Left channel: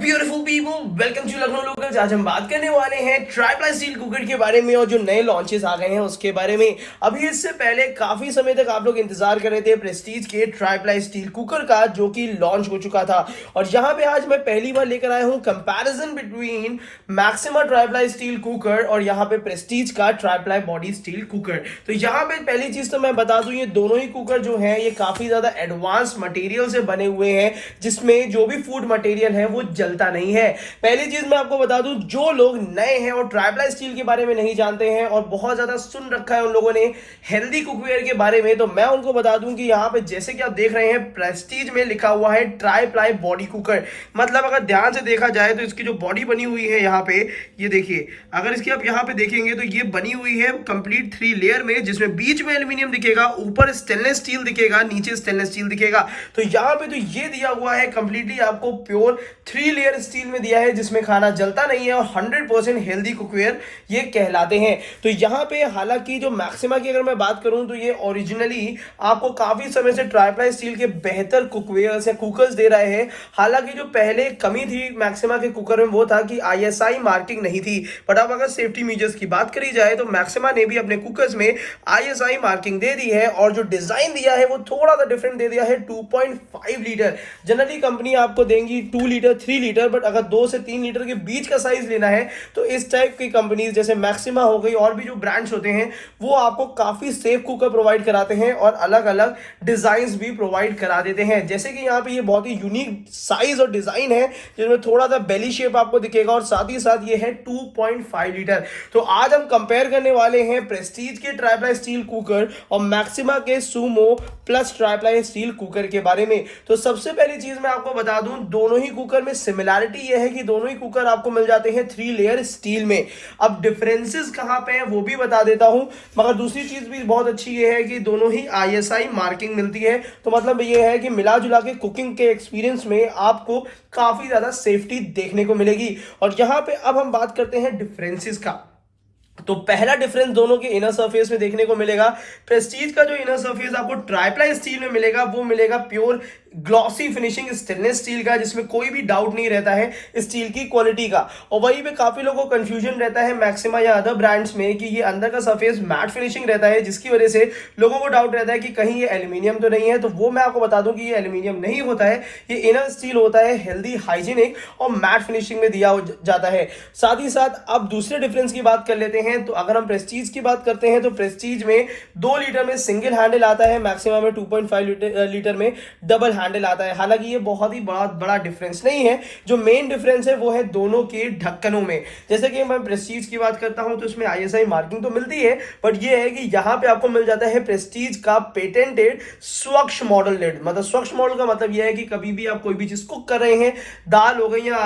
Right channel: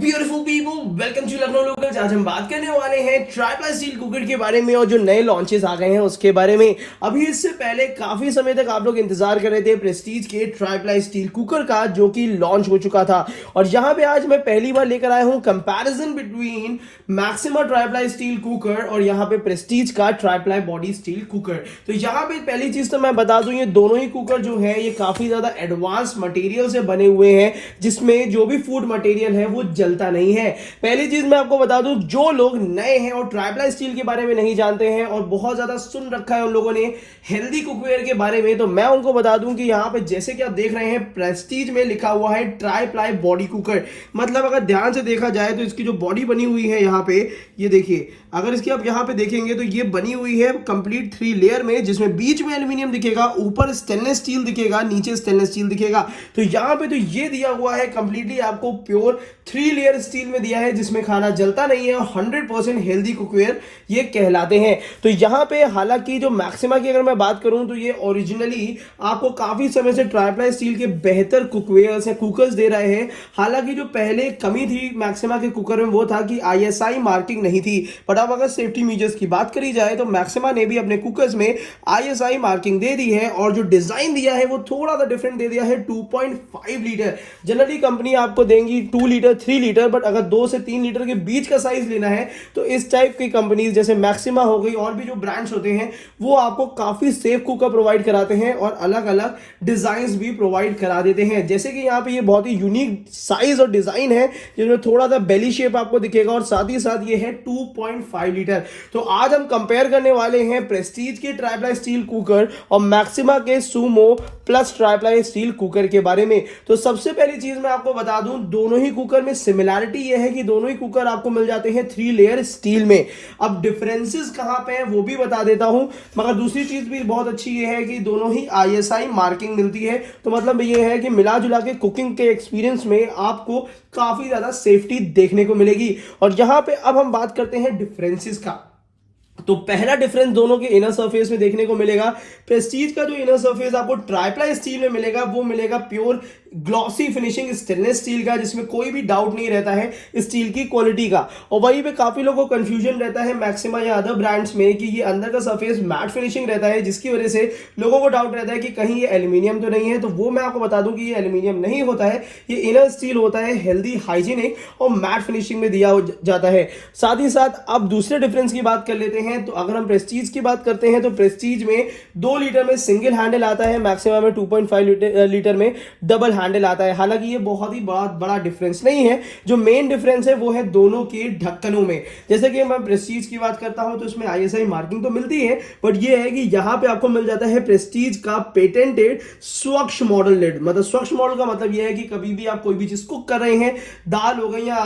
Beautiful people, welcome to Lucknow locals. आज हम बात करने वाले हैं ट्राइप्लाई स्टील कुकर के बारे में और जो नए लॉन्चेस आ गए हैं उसके बारे में। अभी इससे पहले काफी समय तक आप लोग इंतजार कर रहे थे प्रेस्टीज के ट्राइप्लाई स्टील कुकर का, जो कि लॉन्च हो चुका था। और यहाँ पे आज मैं पहली बार लेकर आया हूँ comparison between maxima tri-ply steel cooker और यहाँ पे प्रेस्टीज का ट्राइप्लाई बॉडी स्टील कुकर। तो यहाँ पे पहली चीज तो मैं बता दूं, ये दोनों ही कुकर जो है ये काफी ज्यादा एडवांस मटेरियल से बने हुए हैं, जिसमें जो भी फूड मटेरियल है वो जलता नहीं है। पहली चीज मैं आपको बता दूं, जो लोग नए हैं और ट्राइप्लाई स्टील के बारे में नहीं जानते हैं और बहुत ज्यादा सुन रखा है उन लोगों ने हेल्दी कुकवेयर के बारे में, तो मैं उनको बता दूं कि यहाँ पे जैसे कि आप देख रहे हैं प्रेस्टीज में लिखा हुआ है ट्राइप्लाई बॉडी कुकर। मतलब अगर ध्यान से देखा जाए तो इसकी जो बॉडी बनी हुई है यहाँ पे, ये देखिए, अगर इसकी आप यहाँ पे देखेंगे तो ये बनी हुई है कंप्लीट 3 लेयर में, जिसमें बीच में एल्यूमिनियम दिखेगा, ऊपर स्टेनलेस स्टील दिखेगा, नीचे स्टेनलेस स्टील दिखेगा। तो यहाँ पे तो ये दिया हुआ है कंप्लीटली आपको प्योर 3 लेयर स्टील में दिया है, जिसमें खाना जलता नहीं है और 100% हेल्दी कुकवेयर ये कहलाते हैं। तो यहाँ पे हालांकि जो मैक्सिमा की अगर मैं बात करूं तो ये ओरिजिनली आपको काफी समय से ट्राइप्लाई स्टील के बेहतर कुकवेयर्स या कुकर्स दे रहे हैं। हालांकि जो पहले कमी थी मैक्सिमा के कुकर में वो था कि ISI मार्किंग नहीं थी, बट अब अगर सेफ्टी मेजर्स की बात करी जाए तो मैक्सिमा ने भी अपने कुकर्स में ISI मार्किंग दे दी है और जो डिजाइन दिया है वो थोड़ा सा डिफरेंट दे दिया है। 2.5 लीटर जनरली कंपनी आपको देंगी 2 लीटर 3 लीटर, बट अगर 2 से 3 लीटर के बीच का साइज लेना है तो इस टाइप की कंपनीज जैसे मैक्सिमा हो गई और भी जो ब्रांड्स होते हैं वो आपको काफी सेफ कुकर प्रोवाइड कराते हैं और अलग अलग डिजाइन भी प्रोवाइड करा देते हैं। जैसे कि यहाँ पे ये बहुत ही यूनिक साइज और डिजाइन है, जिसमें थोड़ा सा बेली शेप आपको दिखेगा और साथ ही साथ ये है 2.5 लीटर। तो आज हम कंपेयर करने वाले हैं प्रेस्टीज के ट्राइप्लाई स्टील कुकर और मैक्सिमा के Sumo plus tri-ply steel cooker के बारे में। तो सबसे पहली चीज मैं आपको बता दूं, दोनों ही कुकर में सिमिलरिटी ये है कि दोनों ही कुकर आपको मिल जाते हैं 3 लेयर स्टील में। अब डिफरेंसेस कहां पे हैं वो भी बता देता हूं, मगर दूसरी चीज भी बहुत अच्छी ये है कि दोनों ही ISI मार्किंग मिलती है। तो मतलब ये है कि मिला जुला के कुकिंग के एक्सपीरियंस में आपको काफी ज्यादा सेफ्टी देखने को मिलेगी। और यहां पे अब हम बात करते हैं डिफरेंसेस का। तो पहला डिफरेंस दोनों के इनर सरफेस में देखने को मिलेगा। प्रेस्टीज का जो इनर सरफेस आपको ट्राइप्लाई स्टील में मिलेगा वो मिलेगा pure glossy finishing stainless steel का, जिसमें कोई भी डाउट नहीं रहता है स्टील की क्वालिटी का। और वहीं पे काफी लोगों को कंफ्यूजन रहता है मैक्सिमा या अदर ब्रांड्स में कि ये अंदर का सरफेस मैट फिनिशिंग रहता है, जिसकी वजह से लोगों को डाउट रहता है कि कहीं ये एल्यूमिनियम तो नहीं है। तो वो मैं आपको बता दूं कि ये एल्यूमिनियम नहीं होता है, ये इनर स्टील होता है, हेल्दी, हाइजीनिक और मैट फिनिशिंग में दिया जाता है। साथ ही साथ अब दूसरे डिफरेंस की बात कर लेते हैं। तो अगर हम प्रेस्टीज की बात करते हैं तो प्रेस्टीज में 2 लीटर में सिंगल हैंडल आता है, मैक्सिमा में 2.5 लीटर में डबल हैंडल आता है। हालांकि ये बहुत ही बड़ा डिफरेंस नहीं है। जो मेन डिफरेंस है वो है दोनों के ढक्कनों में। जैसे कि मैं प्रेस्टीज की बात करता हूं तो इसमें ISI मार्किंग तो मिलती है, बट ये है कि यहां पे आपको मिल जाता है प्रेस्टीज का पेटेंटेड स्वच्छ मॉडल लिड। मतलब स्वच्छ मॉडल का मतलब यह है कि कभी भी आप कोई भी चीज कुक कर रहे हैं, दाल हो गई या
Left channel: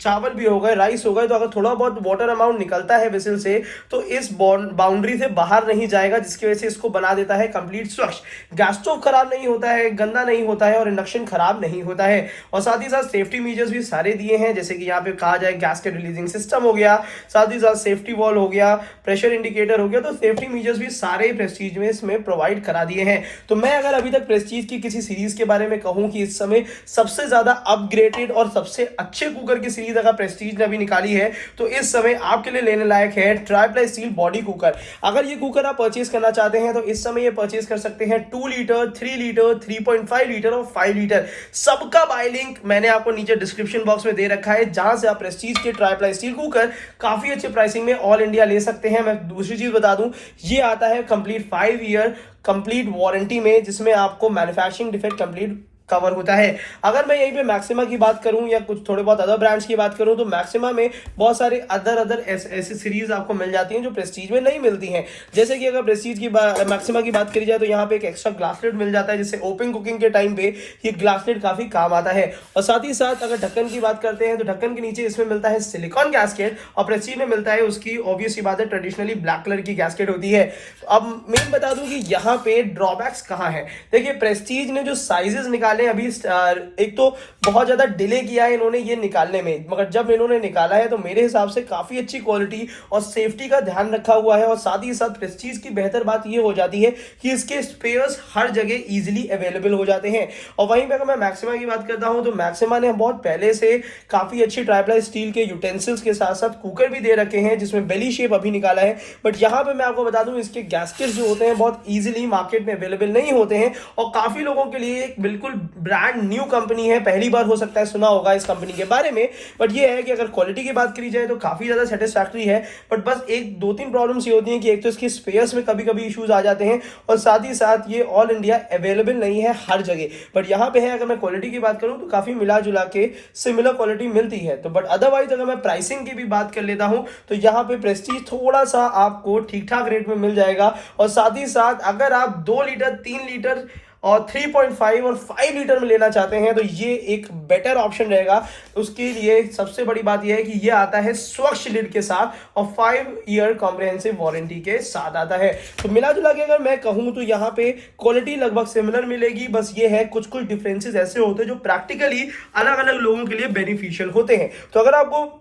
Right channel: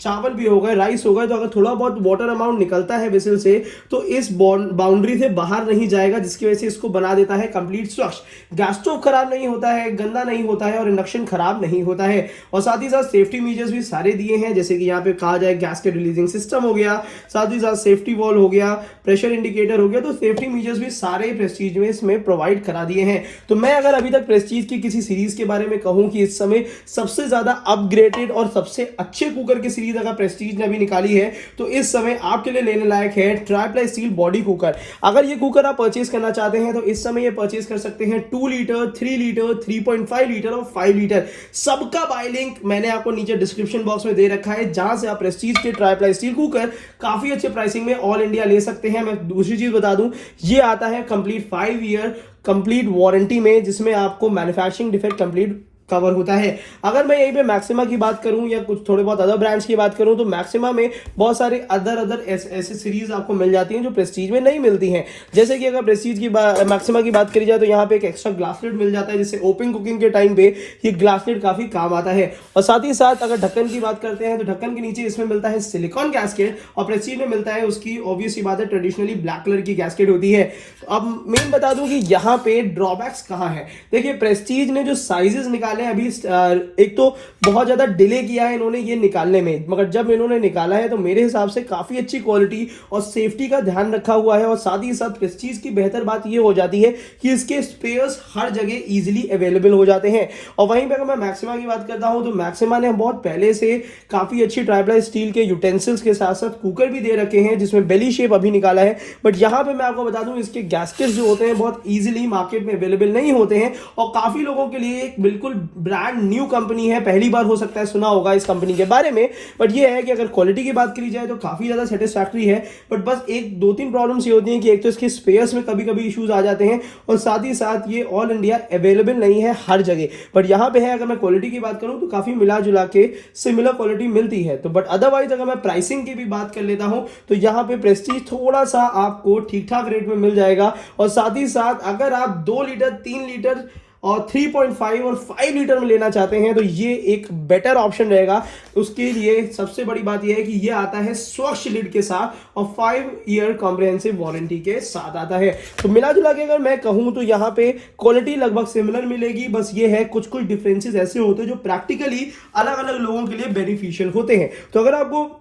चावल भी हो गए, राइस हो गए, तो अगर थोड़ा बहुत वाटर अमाउंट निकलता है वेसल से तो इस बाउंड्री से बाहर नहीं जाएगा, जिसकी वजह से इसको बना देता है कंप्लीट स्वच्छ। गैस स्टोव खराब नहीं होता है, गंदा नहीं होता है और इंडक्शन खराब नहीं होता है। और साथ ही साथ सेफ्टी मेजर्स भी सारे दिए हैं, जैसे कि यहाँ पे कहा जाए गैस्केट रिलीजिंग सिस्टम हो गया, साथ ही साथ सेफ्टी वॉल हो गया, प्रेशर इंडिकेटर हो गया। तो सेफ्टी मेजर्स भी सारे प्रेस्टीज में इसमें प्रोवाइड करा दिए हैं। तो मैं अगर अभी तक प्रेस्टीज की किसी सीरीज के बारे में कहूं कि इस समय सबसे ज्यादा अपग्रेडेड और सबसे अच्छे कुकर की सीरीज अगर प्रेस्टीज ने अभी निकाली है तो इस समय आपके लिए लेने लायक है ट्राइप्लाई स्टील बॉडी कुकर। अगर ये कुकर आप परचेज करना चाहते हैं तो इस समय ये परचेज कर सकते हैं 2 लीटर, 3 लीटर, 3.5 लीटर और 5 लीटर। सबका बाय लिंक मैंने आपको नीचे डिस्क्रिप्शन बॉक्स में दे रखा है, जहां से आप प्रेस्टीज के ट्राइप्लाई स्टील कुकर काफी अच्छे प्राइसिंग में ऑल इंडिया ले सकते हैं। मैं दूसरी चीज बता दूं, ये आता है कंप्लीट 5 ईयर कंप्लीट वारंटी में, जिसमें आपको मैन्युफैक्चरिंग डिफेक्ट कंप्लीट कवर होता है। अगर मैं यहीं पे मैक्सिमा की बात करूं या कुछ थोड़े बहुत अदर ब्रांड्स की बात करूं तो मैक्सिमा में बहुत सारे अदर ऐसे सीरीज आपको मिल जाती हैं जो प्रेस्टीज में नहीं मिलती हैं। जैसे कि अगर प्रेस्टीज की मैक्सिमा की बात करी जाए तो यहाँ पे एक एक्स्ट्रा ग्लास लिड मिल जाता है, जिससे ओपन कुकिंग के टाइम पे ये ग्लास लिड काफी काम आता है। और साथ ही साथ अगर ढक्कन की बात करते हैं तो ढक्कन के नीचे इसमें मिलता है सिलिकॉन गैस्केट और प्रेस्टीज में मिलता है उसकी ऑब्वियस बात है ट्रेडिशनली ब्लैक कलर की गैस्केट होती है। अब मैं बता दूं कि यहाँ पे ड्रॉबैक्स कहाँ है। देखिए प्रेस्टीज ने जो साइजेस निकाले निकाले अभी एक तो बहुत ज्यादा डिले किया है इन्होंने ये निकालने में, मगर जब इन्होंने निकाला है तो मेरे हिसाब से काफी अच्छी क्वालिटी और सेफ्टी का ध्यान रखा हुआ है। और साथ ही साथ प्रेस्टीज की बेहतर बात ये हो जाती है कि इसके स्पेयर्स हर जगह इजीली अवेलेबल हो जाते हैं। और वहीं पे अगर मैं मैक्सिमा की बात करता हूं तो मैक्सिमा ने बहुत पहले से काफी अच्छी ट्राइप्लाई स्टील के यूटेंसिल्स के साथ साथ कुकर भी दे रखे हैं जिसमें बेली शेप अभी निकाला है। बट यहां पे मैं आपको बता दूं इसके गैस्केट्स जो होते हैं बहुत इजीली मार्केट में अवेलेबल नहीं होते हैं और काफी लोगों के लिए एक बिल्कुल ब्रांड न्यू कंपनी है, पहली बार हो सकता है सुना होगा इस कंपनी के बारे में। बट ये है कि अगर क्वालिटी की बात करी जाए तो काफी ज्यादा सेटिस्फैक्टरी है। बट बस एक दो तीन प्रॉब्लम्स ये होती हैं कि एक तो इसके स्पेयर्स में कभी कभी इश्यूज आ जाते हैं और साथ ही साथ ये ऑल इंडिया अवेलेबल नहीं है हर जगह। बट यहां पे है अगर मैं क्वालिटी की बात करूं तो काफी मिला जुला के सिमिलर क्वालिटी मिलती है। तो बट अदरवाइज अगर मैं प्राइसिंग की भी बात कर लेता हूं तो यहां पे प्रेस्टीज थोड़ा सा आपको ठीक ठाक रेट में मिल जाएगा। और साथ ही साथ अगर आप 2 लीटर 3 लीटर और 3.5 और 5 लीटर में लेना चाहते हैं तो ये एक बेटर ऑप्शन रहेगा। उसके लिए सबसे बड़ी बात यह है कि ये आता है स्वच्छ लिड के साथ और 5 ईयर कॉम्प्रिहेंसिव वारंटी के साथ आता है। तो मिला जुला के अगर मैं कहूं तो यहाँ पे क्वालिटी लगभग सिमिलर मिलेगी, बस ये है कुछ कुछ डिफरेंसेस ऐसे होते हैं जो प्रैक्टिकली अलग अलग लोगों के लिए बेनिफिशियल होते हैं। तो अगर आपको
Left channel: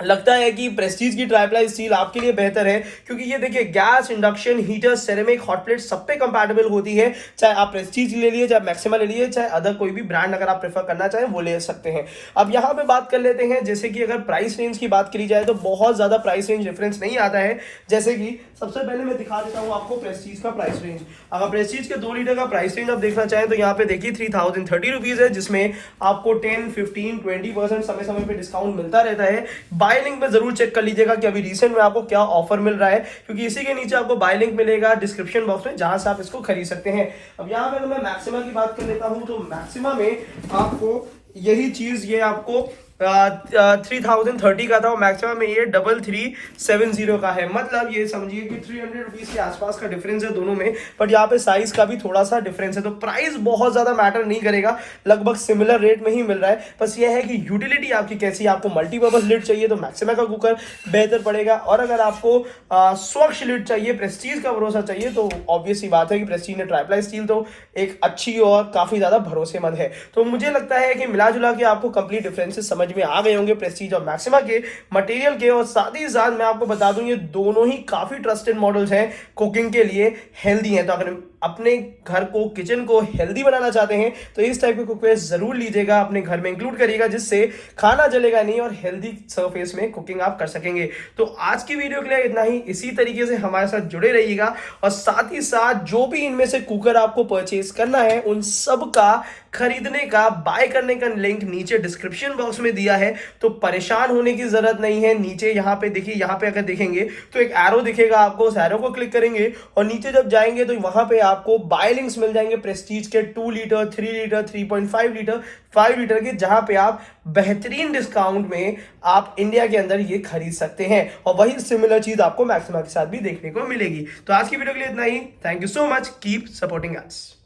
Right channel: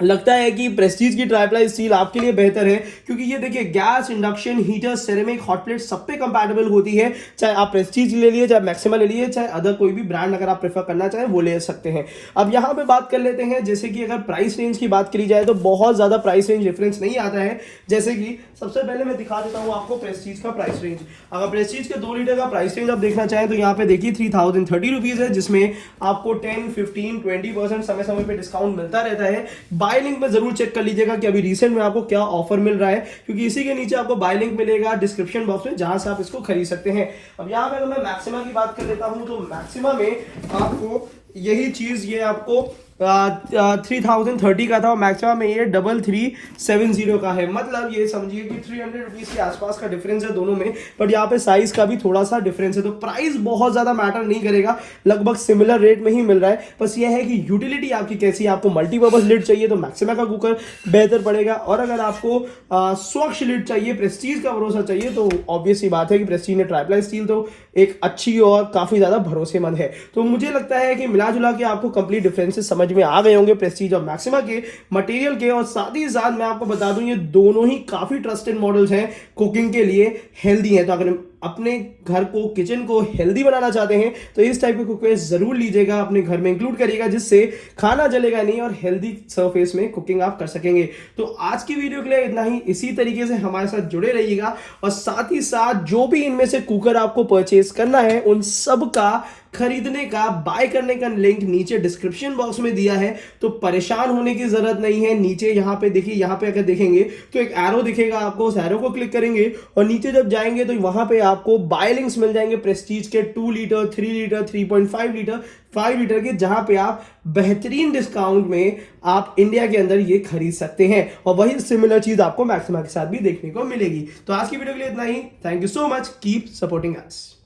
लगता है कि प्रेस्टीज की ट्राइप्लाई स्टील आपके लिए बेहतर है, क्योंकि ये देखिए gas, induction, heater, ceramic, hot plate सब पे कंपैटिबल होती है। चाहे आप प्रेस्टीज ले लिए, चाहे मैक्सिमा ले लिए, चाहे अदर कोई भी ब्रांड अगर आप प्रेफर करना चाहें वो ले सकते हैं। अब यहाँ पे बात कर लेते हैं जैसे कि अगर प्राइस रेंज की बात करी जाए तो बहुत ज्यादा प्राइस रेंज डिफरेंस नहीं आता है। जैसे कि सबसे पहले मैं दिखा देता हूँ आपको प्रेस्टीज का प्राइस रेंज। अगर प्रेस्टीज के 2 लीटर का प्राइस रेंज आप देखना चाहें तो यहाँ पे देखिए 3030 रुपीज है, जिसमें आपको 10, 15, 20% समय समय पे डिस्काउंट मिलता रहता है। बाय लिंक में जरूर चेक कर लीजिएगा कि अभी रिसेंट में आपको क्या ऑफर मिल रहा है, क्योंकि इसी के नीचे आपको बाय लिंक मिलेगा डिस्क्रिप्शन बॉक्स में जहां से आप इसको खरीद सकते हैं। अब यहां पे अगर मैं मैक्सिमा की बात कर लेता हूं तो मैक्सिमा में आपको यही चीज ये आपको 3030 का था और मैक्सिमा में ये 3370 का है। मतलब ये समझिए कि 300 रुपीज के आसपास का डिफरेंस है दोनों में। बट यहाँ पे साइज का भी थोड़ा सा डिफरेंस है, तो प्राइस बहुत ज्यादा मैटर नहीं करेगा, लगभग सिमिलर रेट में ही मिल रहा है। बस ये है कि यूटिलिटी आपकी कैसी है। आपको मल्टीपर्पज लिड चाहिए तो मैक्सिमा का कुकर बेहतर पड़ेगा, और अगर आपको स्वच्छ लिड चाहिए, प्रेस्टीज का भरोसा चाहिए, तो ऑब्वियस ही बात है कि प्रेस्टीज ने ट्राइप्लाई स्टील तो एक अच्छी और काफी ज्यादा भरोसेमंद है। तो मुझे लगता है कि मिला जुला के आपको कंप्लीट डिफरेंसेस समझ में आ गए होंगे प्रेस्टीज और मैक्सिमा के मटेरियल के। और साथ ही साथ मैं आपको बता दूं ये दोनों ही काफी ट्रस्टेड मॉडल्स हैं, कुकिंग के लिए हेल्दी हैं। तो अगर अपने घर को, किचन को हेल्दी बनाना चाहते हैं तो इस टाइप के कुकवेयर जरूर लीजिएगा, अपने घर में इंक्लूड करिएगा, जिससे खाना जलेगा नहीं और हेल्दी सरफेस में कुकिंग आप कर सकेंगे। तो आज की वीडियो के लिए इतना ही। इसी तरीके से हमारे साथ जुड़े रहिएगा और साथ ही साथ जो भी इनमें से कुकर आपको परचेज करना है उन सब का खरीदने का, बाय करने का लिंक नीचे डिस्क्रिप्शन बॉक्स में दिया है। तो परेशान होने की जरूरत नहीं है। नीचे यहाँ पे देखिए, यहाँ पे अगर देखेंगे तो एक एरो दिखेगा आपको, उस एरो को क्लिक करेंगे और नीचे जब जाएंगे तो वहां पे आपको बाय लिंक्स मिल जाएंगे प्रेस्टीज के 2 लीटर, 3 लीटर, 3.5 लीटर, 5 लीटर के, जहां पे आप बेहतरीन डिस्काउंट में आप इंडिया के अंदर ये खरीद सकते हैं। और वही सिमिलर चीज आपको मैक्सिमा के साथ भी देखने को मिलेगी। तो आज की वीडियो के लिए इतना ही। Thank you so much, keep supporting us.